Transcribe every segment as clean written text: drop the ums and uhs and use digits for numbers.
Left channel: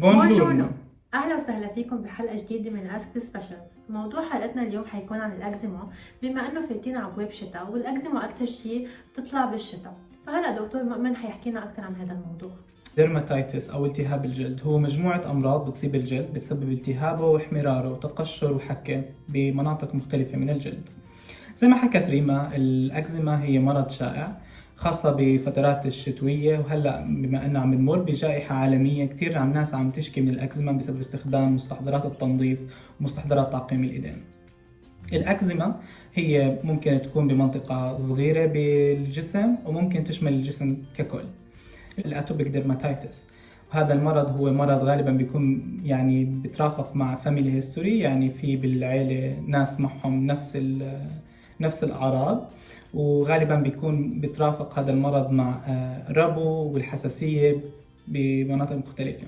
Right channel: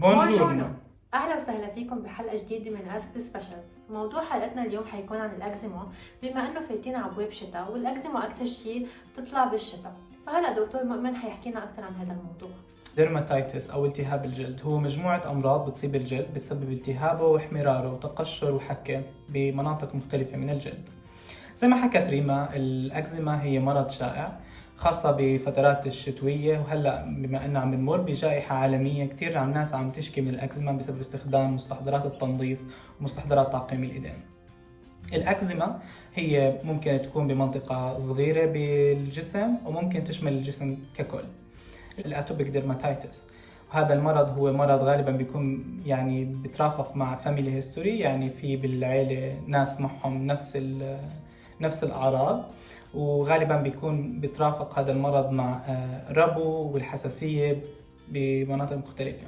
بونجورنو. اهلا وسهلا فيكم بحلقه جديده من اسك سبيشالز. موضوع حلقتنا اليوم حيكون عن الاكزيما، بما انه فايتين على ابواب شتاء والاكزيما اكثر شيء بتطلع بالشتاء. فهلا دكتور مؤمن حيحكي لنا اكثر عن هذا الموضوع. ديرماتيتس أو التهاب الجلد هو مجموعة أمراض بتصيب الجلد بتسبب التهابه واحمراره وتقشر وحكة بمناطق مختلفة من الجلد. زي ما حكت ريما، الأكزيما هي مرض شائع خاصة بفترات الشتوية، وهلأ بما أنه عم نمر بجائحة عالمية كتير عم ناس عم تشكي من الأكزيما بسبب استخدام مستحضرات التنظيف ومستحضرات تعقيم الإيدين. الأكزيما هي ممكن تكون بمنطقة صغيرة بالجسم وممكن تشمل الجسم ككل. الاتوبيك ديرماتيتس، وهذا المرض هو مرض غالبا بيكون بترافق مع فاميلي هيستوري، يعني في بالعيلة ناس معهم نفس الأعراض، وغالبا بيكون بترافق هذا المرض مع ربو والحساسية بمناطق مختلفة.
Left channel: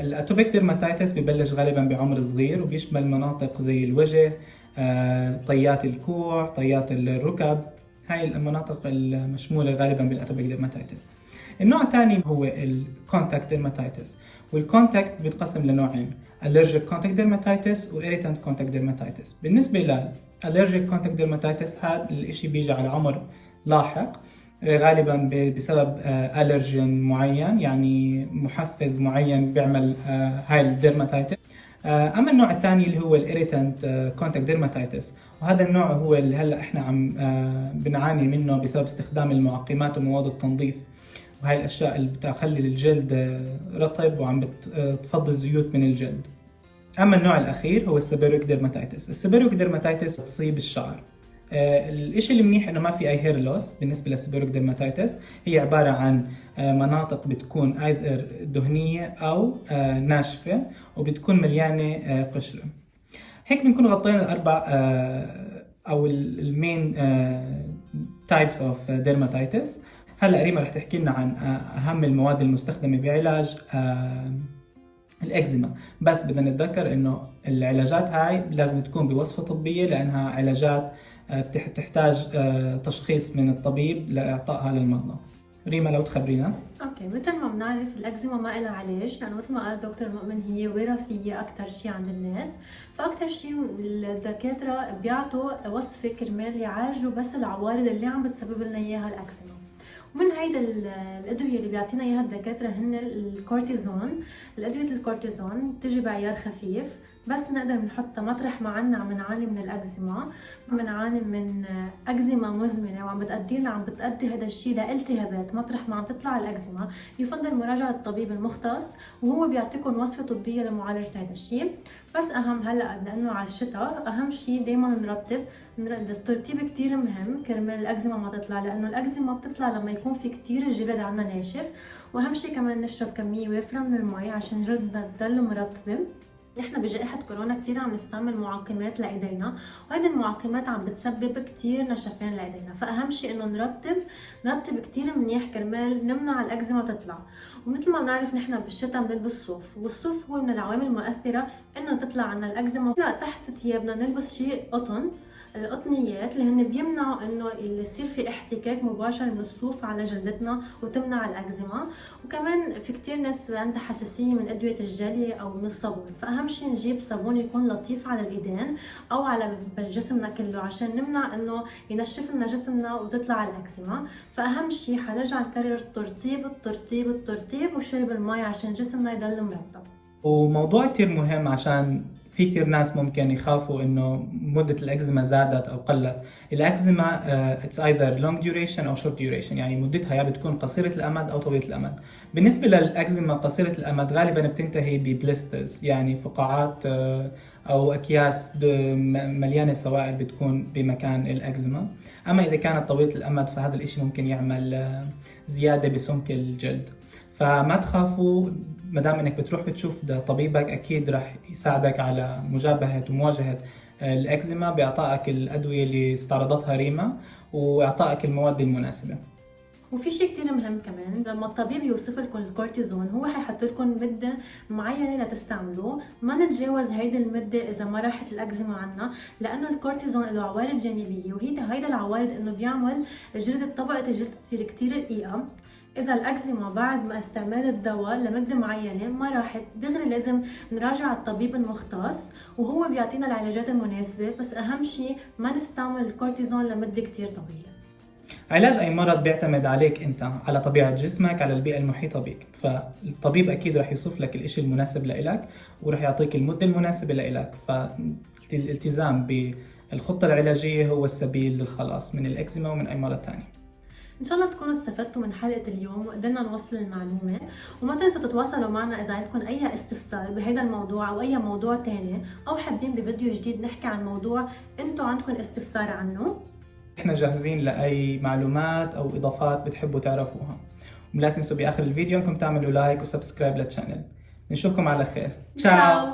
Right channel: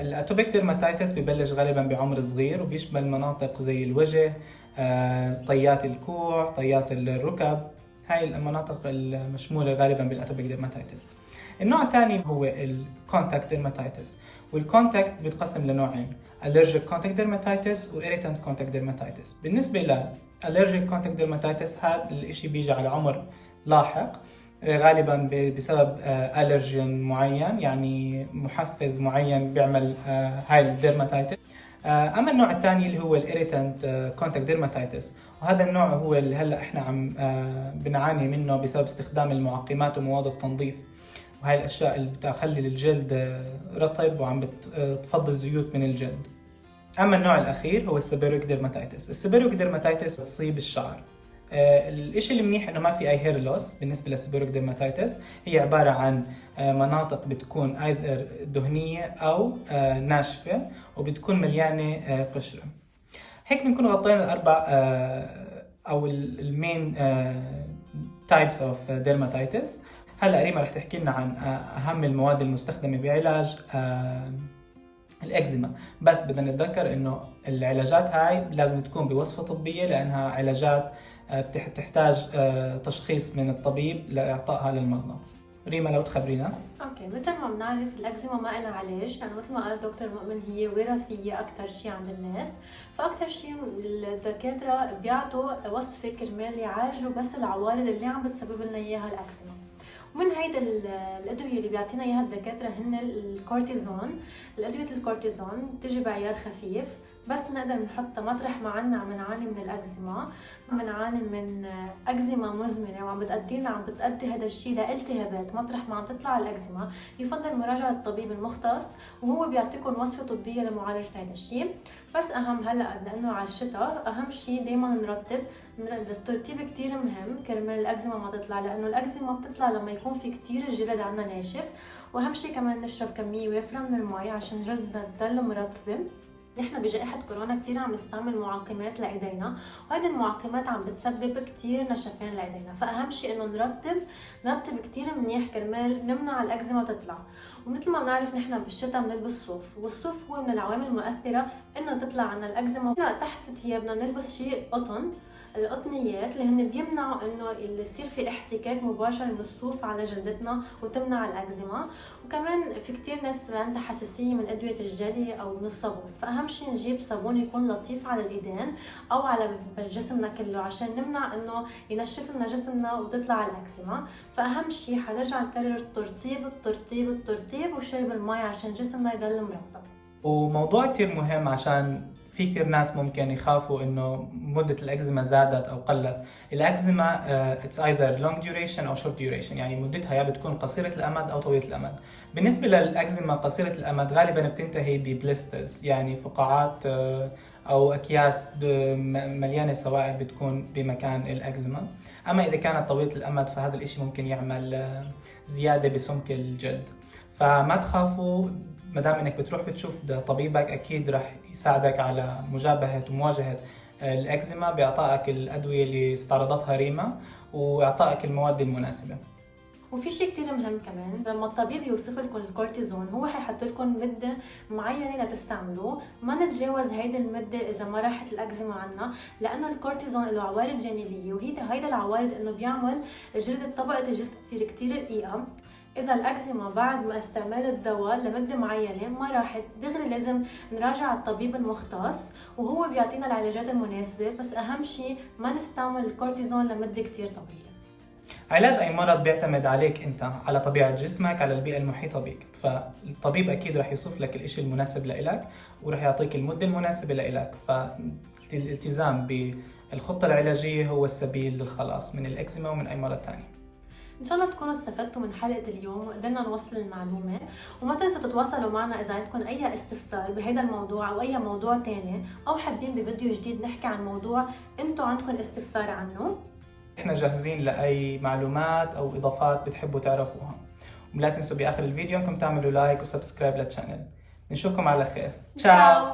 الاتوبيك ديرماتيتس ببلش غالبا بعمر صغير وبيشمل مناطق زي الوجه، طيات الكوع، طيات الركب. هاي المناطق المشمولة غالبا بالاتوبيك ديرماتيتس. النوع الثاني هو الكونتاكت ديرماتيتس، والكونتاكت بينقسم لنوعين: allergic contact dermatitis و irritant contact dermatitis. بالنسبة للالرجيك contact dermatitis، هذا الاشي بيجي على عمر لاحق، غالبا بسبب ألرجين معين، يعني محفز معين بيعمل هاي الديرماتيتس. اما النوع الثاني اللي هو الاريتنت كونتاكت ديرماتيتس، وهذا النوع هو اللي هلا احنا عم بنعاني منه بسبب استخدام المعقمات ومواد التنظيف، وهي الاشياء اللي بتخلي الجلد رطب وعم بتفضي الزيوت من الجلد. اما النوع الاخير هو السيبيريك ديرماتيتس. السيبيريك ديرماتيتس تصيب الشعر. الاشي المنيح انه ما في اي هير لوس بالنسبه للسيبيريك ديرماتيتس. هي عباره عن مناطق بتكون ايذر دهنيه او ناشفه، وبتكون مليانه قشره. هيك بنكون غطينا الاربع او المين تايبس اوف ديرماتيتس. هلا ريما رح تحكي لنا عن اهم المواد المستخدمه بعلاج الأكزيما، بس بدنا نتذكر إنه العلاجات هاي لازم تكون بوصفة طبية، لأنها علاجات بتحتاج تشخيص من الطبيب لإعطائها للمرضى. ريما لو تخبرينا. اوكي، مثل ما بنعرف الاكزيما ما لها علاج، لانه مثل ما قال دكتور مؤمن هي وراثيه اكثر شيء عند الناس. فاكثر شيء الدكاتره بيعطوا وصفه كرمال يعالجوا بس العوارض اللي عم بتسبب لنا اياها الاكزيما. ومن هيدا الادويه اللي بيعطينا اياها الدكاتره هن الكورتيزون. الادويه الكورتيزون بتجي بعيار خفيف، بس بنقدر نحطها مطرح ما عم نعاني من الاكزيما، بنعاني من اكزيما مزمنه عم بتأدي هذا الشيء لالتهابات. مطرح ما عم تطلع الاكزيما يفضل مراجعه الطبيب المختص، وهو بيعطيكم وصفه طبيه لمعالجه هذا الشيء. بس اهم هلا لانه على الشتاء اهم شيء دائما نرطب. الترطيب كتير مهم كرمال الاكزيما ما تطلع، لانه الاكزيما بتطلع لما يكون في كتير الجلد عنا ناشف. واهم شيء كمان نشرب كميه وافره من المي عشان جلدنا تضل مرطبه. احنا بجائحة كورونا كتير عم نستعمل معقمات لايدينا، وهذه المعقمات عم بتسبب كتير نشفان لايدينا. فاهم شيء انه نرطب كتير منيح كرمال نمنع الاكزيما تطلع. ومثل ما بنعرف نحن بالشتاء بنلبس صوف، والصوف هو من العوامل المؤثرة انه تطلع عنا الاكزيما. تحت ثيابنا نلبس شيء قطن، القطنيات اللي هن بيمنعوا انه يصير في احتكاك مباشر من الصوف على جلدتنا وتمنع الاكزيما. وكمان في كتير ناس عندها حساسيه من ادويه الجلي او من الصابون، فاهم شيء نجيب صابون يكون لطيف على الايدين او على جسمنا كله عشان نمنع انه ينشف لنا جسمنا وتطلع الاكزيما. فاهم شيء حنرجع نكرر الترطيب وشرب المي عشان جسمنا يضل مرطب. وموضوع كتير مهم، عشان في كتير ناس ممكن يخافوا انه مدة الأكزيما زادت او قلت. الأكزيما it's either long duration او short duration، يعني مدتها يا بتكون قصيرة الأمد او طويلة الأمد. بالنسبة للأكزيما قصيرة الأمد غالبا بتنتهي ببليسترز، يعني فقاعات او اكياس مليانة سوائل بتكون بمكان الأكزيما. اما اذا كانت طويلة الأمد فهذا الاشي ممكن يعمل زيادة بسمك الجلد. فما تخافوا، ما دام انك بتروح بتشوف طبيبك اكيد راح يساعدك على مجابهه ومواجهه الاكزيما باعطائك الادويه اللي استعرضتها ريما واعطائك المواد المناسبه. وفي شيء كتير مهم كمان، لما الطبيب يوصف لكم الكورتيزون هو حيحط لكم مده معينه لتستعملوه. ما نتجاوز هيدي المده اذا ما راحت الاكزيما عنا، لانه الكورتيزون له عوارض جانبيه، وهيدا العوارض انه بيعمل طبقه الجلد تصير كتير رقيقه. إذا الأكزيما بعد ما استعمال الدواء لمدة معينة ما راحت، دغري لازم نراجع الطبيب المختص وهو بيعطينا العلاجات المناسبة، بس أهم شيء ما نستعمل الكورتيزون لمدة كتير طويلة. علاج أي مرض بيعتمد عليك أنت، على طبيعة جسمك، على البيئة المحيطة بك، فالطبيب أكيد رح يوصف لك الإشي المناسب لإلك ورح يعطيك المدة المناسبة لإلك. فالالتزام بالخطة العلاجية هو السبيل للخلاص من الإكزيما ومن أي مرض تاني. إن شاء الله تكونوا استفدتوا من حلقة اليوم وقدرنا نوصل المعلومة، وما تنسوا تتواصلوا معنا إذا عندكم أي استفسار بهذا الموضوع أو أي موضوع تاني، أو حابين بفيديو جديد نحكي عن موضوع أنتوا عندكم استفسار عنه. إحنا جاهزين لأي معلومات أو إضافات بتحبوا تعرفوها. ولا تنسوا بآخر الفيديو إنكم تعملوا لايك وسبسكرايب للشانل. نشوفكم على خير. تشاو.